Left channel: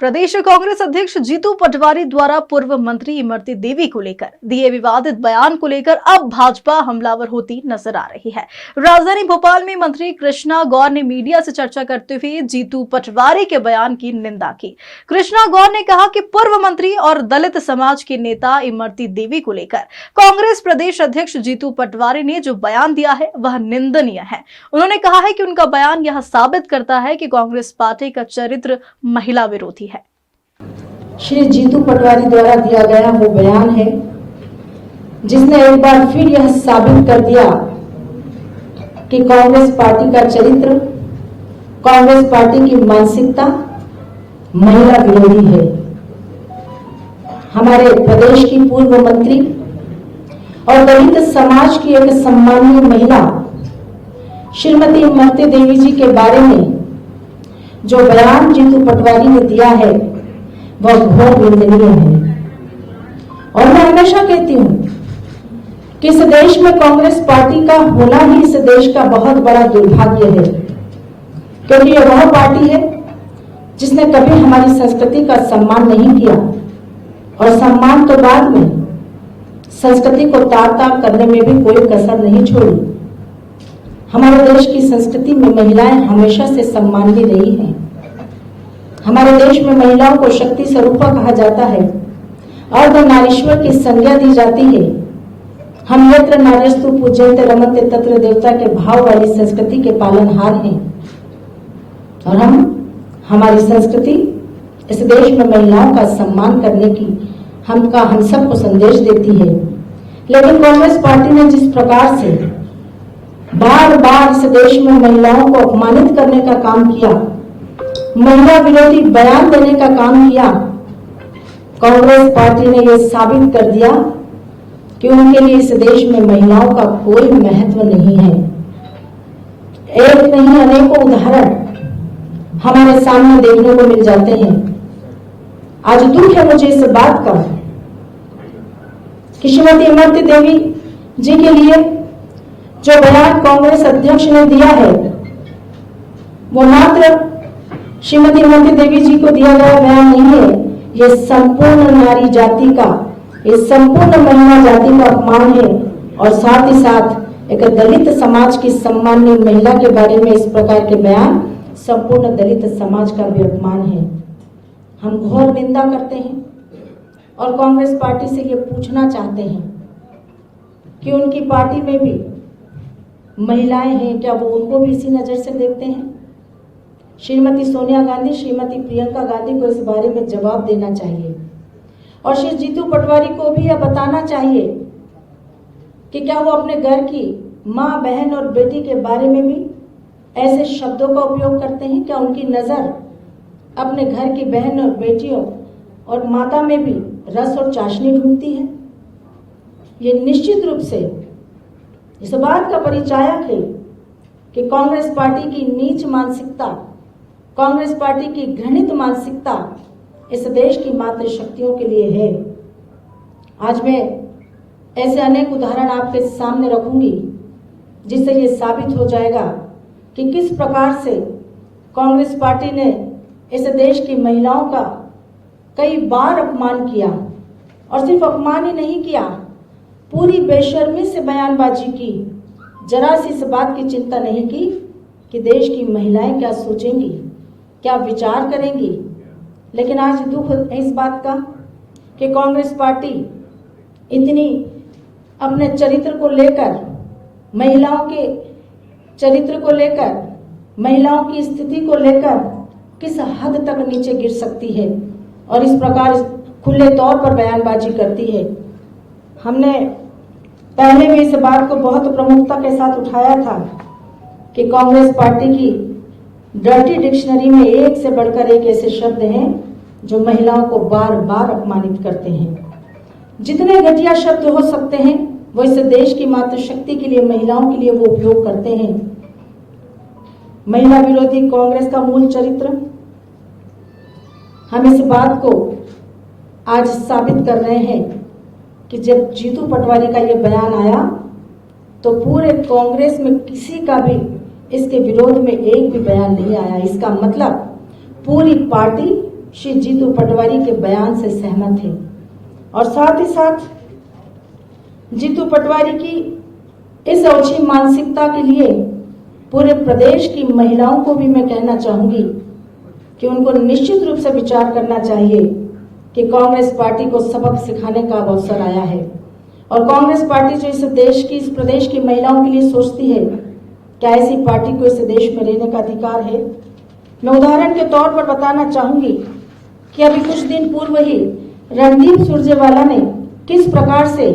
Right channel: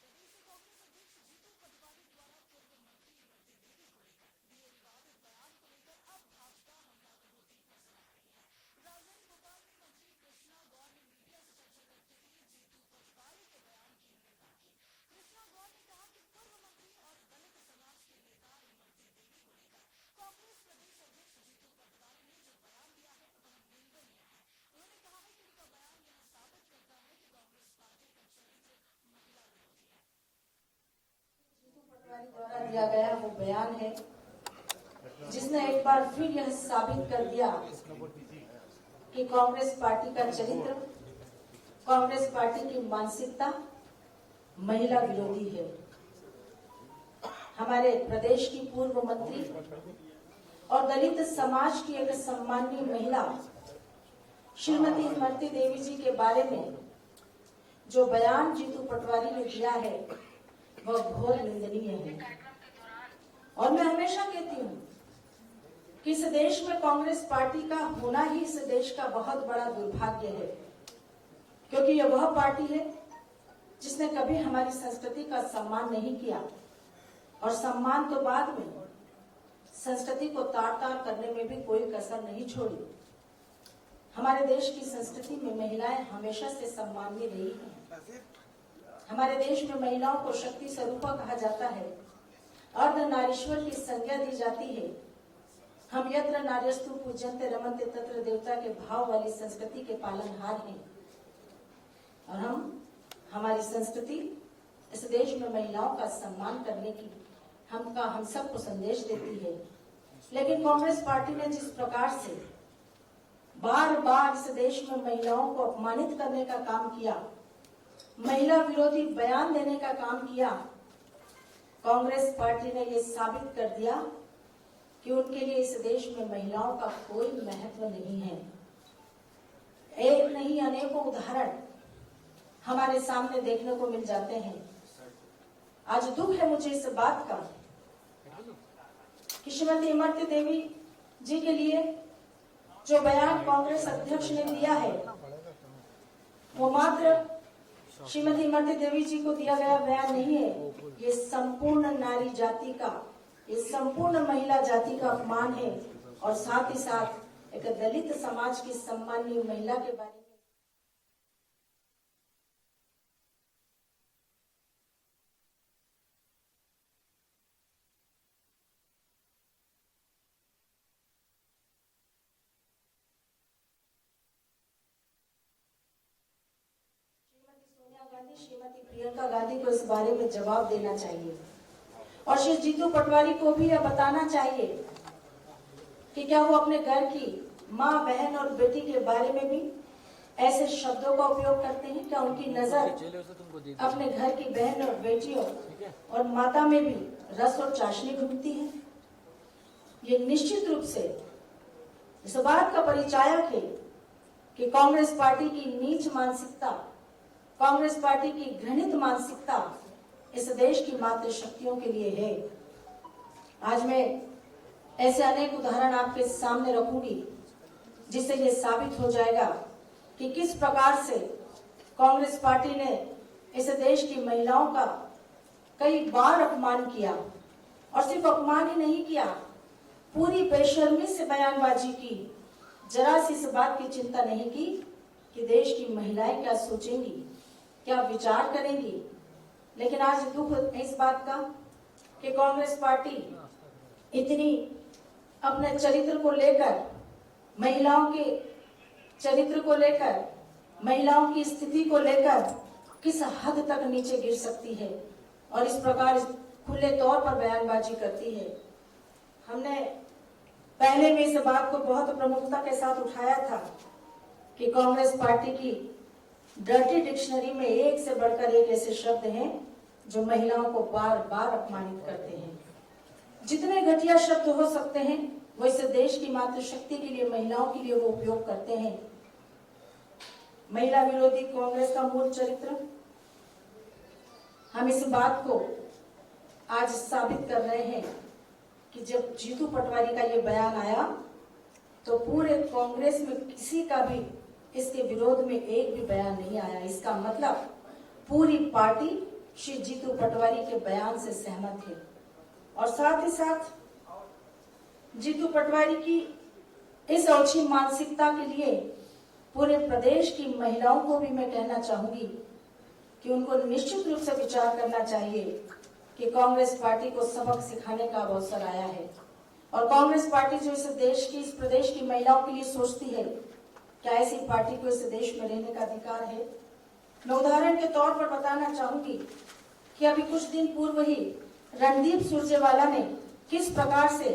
प्रदेश कांग्रेस अध्यक्ष जीतू पटवारी द्वारा पूर्व मंत्री इमरती देवी को लेकर दिए विवादित बयान को लेकर अब भाजपा हमलावर होती नजर आ रही है। राजधानी भोपाल में मंत्री कृष्णा गौर ने मीडिया से चर्चा करते हुए जीतू पटवारी के बयान की निंदा की। कृष्णा गौर ने कहा कि पूर्व मंत्री और दलित समाज के नेता इमरती देवी को लेकर कांग्रेस प्रदेश अध्यक्ष जीतू पटवारी ने जो बयान दिया है वह निंदनीय है। उन्होंने कहा है कि उनका बयान यह साबित करता है कि कांग्रेस पार्टी का चरित्र महिला विरोधी है। श्री जीतू पटवारी द्वारा दिया गया वो बयान है जिसने एक बार फिर यह साबित कर दिया कि कांग्रेस पार्टी का चरित्र, कांग्रेस पार्टी की मानसिकता महिला विरोधी है। हमारे प्रदेश की पूर्व मंत्री और दलित समाज की एक सम्मानीय महिला श्रीमती इमरती देवी जी के बारे में जो बयान जीतू पटवारी ने दिया है वह बहुत निंदनीय है। और मैं हमेशा कहती हूँ कि इस देश में कांग्रेस पार्टी का होना ही इस देश का बहुत बड़ा दुर्भाग्य है, क्योंकि यह वह पार्टी है जिसने कभी हमारी संस्कृति का सम्मान नहीं किया और सम्मान तो बाद में संस्कृति को तार-तार करने में भी कोई कसर नहीं छोड़ी। हमारे देश की संस्कृति में महिलाएं हमेशा से सम्मानीय रही हैं। हमारे देश में महिलाओं को शक्ति स्वरूपा कहा जाता है, अर्धनारीश्वर की संज्ञा दी जाती है। हम यत्र नार्यस्तु पूज्यन्ते रमन्ते तत्र देवता के भाव वाली संस्कृति के पालनहार हैं और हमारी संस्कृति इस देश में महिलाओं का सम्मान करने की हम सबको संदेश देती है। लेकिन कांग्रेस पार्टी ने जिस प्रकार से बार बार इस देश में महिलाओं को अपमानित करने का काम किया, महिला विरोधी बयान देने का काम किया, कांग्रेस पार्टी ने यह साबित कर दिया कि उनके लिए इस देश में महिलाओं का कोई महत्व नहीं है। एक नहीं अनेकों उदाहरण हमारे सामने देखने को मिल जाते हैं। आज दुख है मुझे इस बात का कि श्रीमती इमरती देवी जी के लिए जो बयान कांग्रेस अध्यक्ष ने दिया है वो मात्र श्रीमती इमरती देवी जी को दिया गया बयान नहीं है, ये संपूर्ण नारी जाति का, ये संपूर्ण महिला जाति का अपमान है और साथ ही साथ एक दलित समाज की सम्मानीय महिला के बारे में इस प्रकार के बयान संपूर्ण दलित समाज का भी अपमान है। हम घोर निंदा करते हैं और कांग्रेस पार्टी से ये पूछना चाहते हैं कि उनकी पार्टी में भी महिलाएं हैं क्या, वो उनको भी इसी नजर से देखते हैं? श्रीमती सोनिया गांधी, श्रीमती प्रियंका गांधी को इस बारे में जवाब देना चाहिए और श्री जीतू पटवारी को भी यह बताना चाहिए कि क्या वो अपने घर की माँ, बहन और बेटी के बारे में भी ऐसे शब्दों का उपयोग करते हैं? क्या उनकी नजर अपने घर की बहन और बेटियों और माता में भी रस और चाशनी ढूंढती है? ये निश्चित रूप से इस बात का परिचायक है कि कांग्रेस पार्टी की नीच मानसिकता, कांग्रेस पार्टी की घृणित मानसिकता इस देश की मातृशक्तियों के लिए है। आज मैं ऐसे अनेक उदाहरण आपके सामने रखूंगी जिससे ये साबित हो जाएगा कि किस प्रकार से कांग्रेस पार्टी ने इस देश की महिलाओं का कई बार अपमान किया और सिर्फ अपमान ही नहीं किया, पूरी बेशर्मी से बयानबाजी की। जरा सी इस बात की चिंता नहीं की कि देश की महिलाएं क्या सोचेंगी, क्या विचार करेंगी। लेकिन आज दुख है इस बात का कि कांग्रेस पार्टी इतनी अपने चरित्र को लेकर, महिलाओं के चरित्र को लेकर, महिलाओं की स्थिति को लेकर किस हद तक नीचे गिर सकती है और इस प्रकार खुले तौर पर बयानबाजी करती है। हमने पहले भी इस बात को बहुत प्रमुखता के साथ उठाया था कि कांग्रेस पार्टी की डर्टी डिक्शनरी में एक से बढ़कर एक ऐसे शब्द हैं जो महिलाओं को बार बार अपमानित करते हैं। जितने घटिया शब्द हो सकते हैं वो इस देश की मातृशक्ति के लिए, महिलाओं के लिए वो उपयोग करते हैं। महिला विरोधी कांग्रेस का मूल चरित्र, हम इस बात को आज साबित कर रहे हैं कि जब जीतू पटवारी का ये बयान आया तो पूरे कांग्रेस में किसी का भी इसके विरोध में एक भी बयान नहीं आया। इसका मतलब पूरी पार्टी श्री जीतू पटवारी के बयान से सहमत थे और साथ ही साथ जीतू पटवारी की इस ओछी मानसिकता के लिए पूरे प्रदेश की महिलाओं को भी मैं कहना चाहूंगी कि उनको निश्चित रूप से विचार करना चाहिए कि कांग्रेस पार्टी को सबक सिखाने का अवसर आया है और कांग्रेस पार्टी जो इस प्रदेश की महिलाओं के लिए सोचती है, क्या ऐसी पार्टी को इस देश में रहने का अधिकार है? मैं उदाहरण के तौर पर बताना चाहूंगी कि अभी कुछ दिन पूर्व ही रणदीप सुरजेवाला ने किस प्रकार से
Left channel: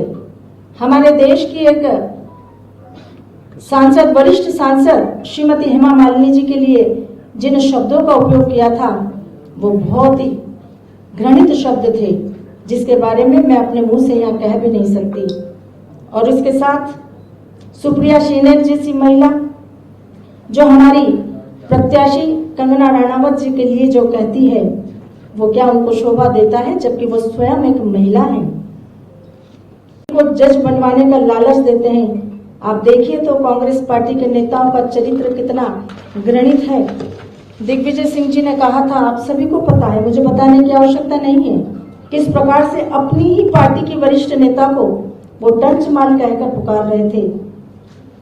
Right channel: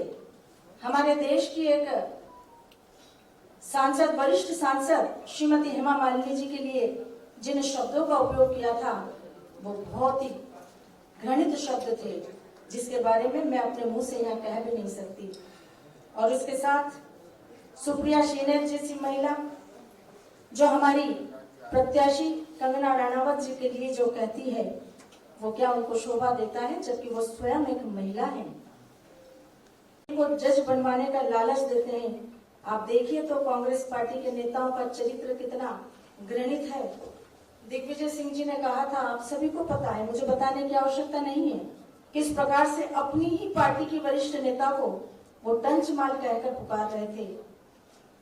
हमारे देश की एक सांसद, वरिष्ठ सांसद श्रीमती हेमा मालिनी जी के लिए जिन शब्दों का उपयोग किया था वो बहुत ही घृणित शब्द थे, जिसके बारे में मैं अपने मुंह से यहाँ कह भी नहीं सकती। और इसके साथ सुप्रिया श्रीनेत जैसी महिला जो हमारी प्रत्याशी कंगना रनावत जी के लिए जो कहती है, वो क्या उनको शोभा देता है? जबकि वो स्वयं एक महिला है, वो जज बनवाने का लालच देते हैं। आप देखिए तो कांग्रेस पार्टी के नेताओं का चरित्र कितना घृणित है। दिग्विजय सिंह जी ने कहा था, आप सभी को पता है, मुझे बताने की आवश्यकता नहीं है, किस प्रकार से अपनी ही पार्टी की वरिष्ठ नेता को वो डंच माल कहकर पुकार रहे थे,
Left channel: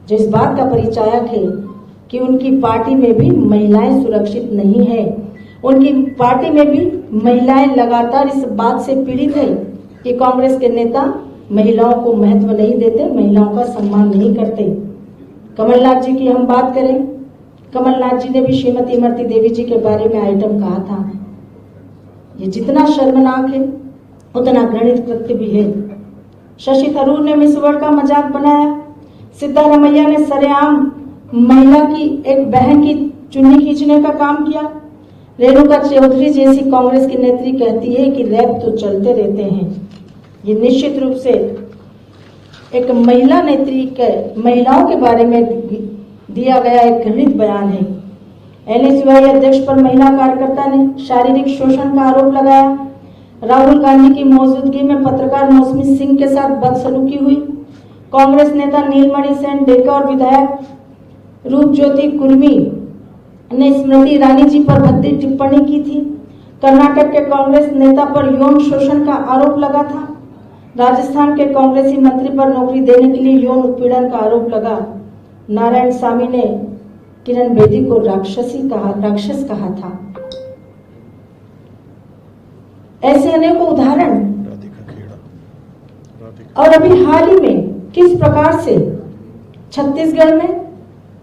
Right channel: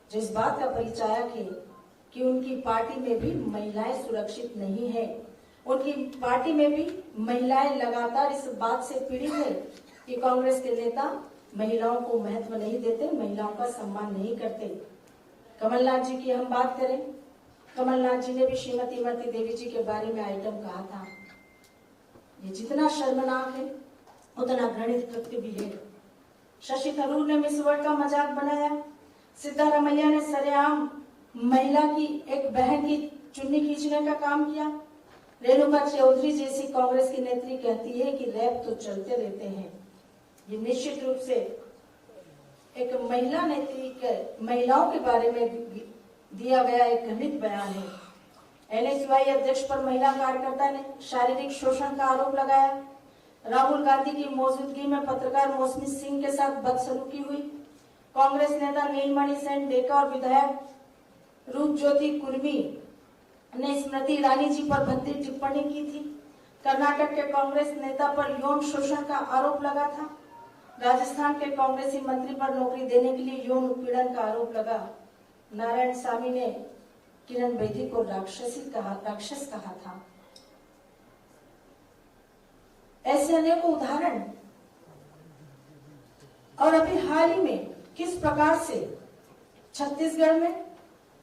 जो इस बात का परिचायक है कि उनकी पार्टी में भी महिलाएं सुरक्षित नहीं है। उनकी पार्टी में भी महिलाएं लगातार इस बात से पीड़ित है कि कांग्रेस के नेता महिलाओं को महत्व नहीं देते, महिलाओं का सम्मान नहीं करते। कमलनाथ जी की हम बात करें, कमलनाथ जी ने भी श्रीमती इमरती देवी जी के बारे में आइटम कहा था। ये जितना शर्मनाक है उतना घृणित कृत्य भी है। शशि थरूर ने मिस वर्ल्ड का मजाक बनाया। सिद्धारमैया ने सरेआम महिला की एक बहन की चुन्नी खींचने का काम किया। रेणुका चौधरी जैसी कांग्रेस की नेत्री कहती है कि रैप तो चलते रहते हैं। ये निश्चित रूप से एक महिला नेत्री के महिलाओं के बारे में दिया गया एक घृणित बयान है। एनएसयूआई अध्यक्ष पर महिला कार्यकर्ता ने शारीरिक शोषण का आरोप लगाया। राहुल गांधी की मौजूदगी में पत्रकार मौसमी सिंह के साथ बदसलूकी हुई। कांग्रेस नेता नीलमणि सेन डेका और विधायक रूपज्योति कुर्मी ने स्मृति ईरानी जी पर भद्दी टिप्पणी की थी। कर्नाटक के कांग्रेस नेता पर यौन शोषण का आरोप लगा था। राजस्थान के कांग्रेसी मंत्री पर नौकरी देने के लिए यौन उत्पीड़न का आरोप लगा। नारायण स्वामी ने किरण बेदी को राक्षस कहा था। ऐसे अनेकों उदाहरण। और अभी हाल ही में किस प्रकार से छत्तीसगढ़ में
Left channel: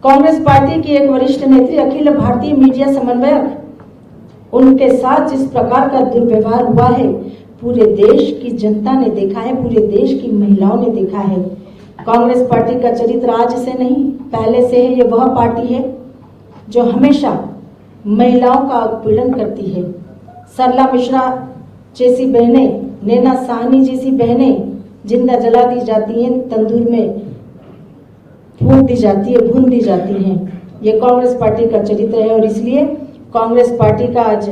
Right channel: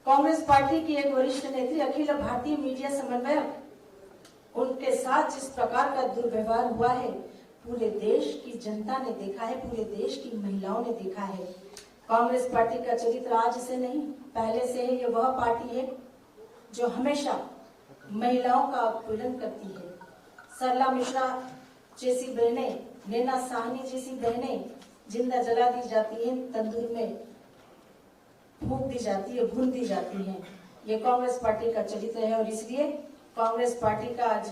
कांग्रेस पार्टी की एक वरिष्ठ नेत्री अखिल भारतीय मीडिया समन्वयक, उनके साथ जिस प्रकार का दुर्व्यवहार हुआ है, पूरे देश की जनता ने देखा है, पूरे देश की महिलाओं ने देखा है। कांग्रेस पार्टी का चरित्र आज से नहीं, पहले से है। ये वह पार्टी है जो हमेशा महिलाओं का उत्पीड़न करती है। सरला मिश्रा जैसी बहनें, नैना साहनी जैसी बहनें जिंदा जला दी जाती हैं, तंदूर में फूंक दी जाती है, भून दी जाती हैं। ये कांग्रेस पार्टी का चरित्र है और इसलिए कांग्रेस पार्टी का आज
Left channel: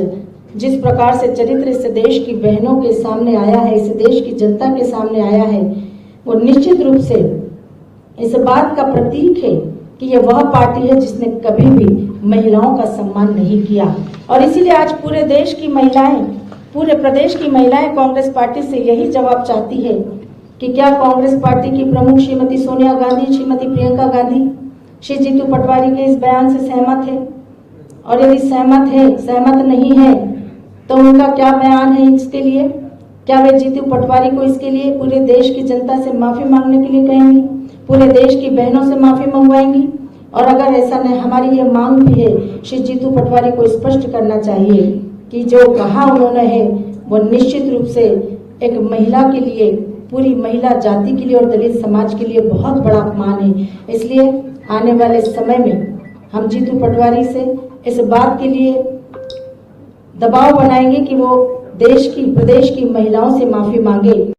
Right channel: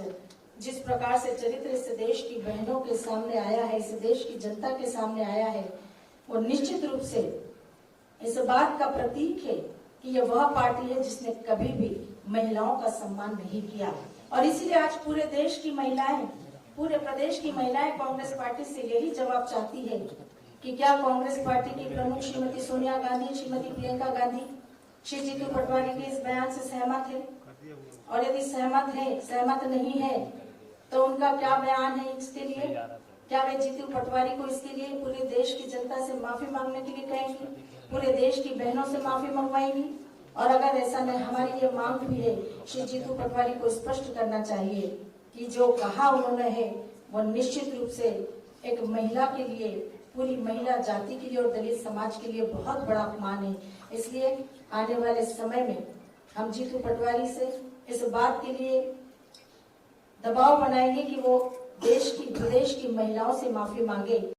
जिस प्रकार से चरित्र इस देश की बहनों के सामने आया है, इस देश की जनता के सामने आया है, वो निश्चित रूप से इस बात का प्रतीक है कि यह वह पार्टी है जिसने कभी भी महिलाओं का सम्मान नहीं किया। और इसीलिए आज पूरे देश की महिलाएं, पूरे प्रदेश की महिलाएं कांग्रेस पार्टी से यही जवाब चाहती है कि क्या कांग्रेस पार्टी की प्रमुख श्रीमती सोनिया गांधी, श्रीमती प्रियंका गांधी श्री जीतू पटवारी के इस बयान से सहमत है? और यदि सहमत है, सहमत नहीं है, तो उनका क्या बयान है इसके लिए? क्या वे जीतू पटवारी को इसके लिए पूरे देश की जनता से माफी मांगने के लिए कहेंगी, पूरे देश की बहनों से माफी मंगवाएंगी? और अगर ऐसा नहीं, हमारी ये मांग भी है, श्री जीतू पटवारी को स्पष्ट करना चाहिए कि जो कहा उन्होंने है वो निश्चित रूप से एक महिला के लिए, पूरी महिला जाति के लिए और दलित समाज के लिए बहुत बड़ा अपमान है। इसलिए आने वाले समय में हम जीतू पटवारी से इस बात के लिए दबाव बनाएंगे कि वो देश की, प्रदेश की महिलाओं से माफी मांगे।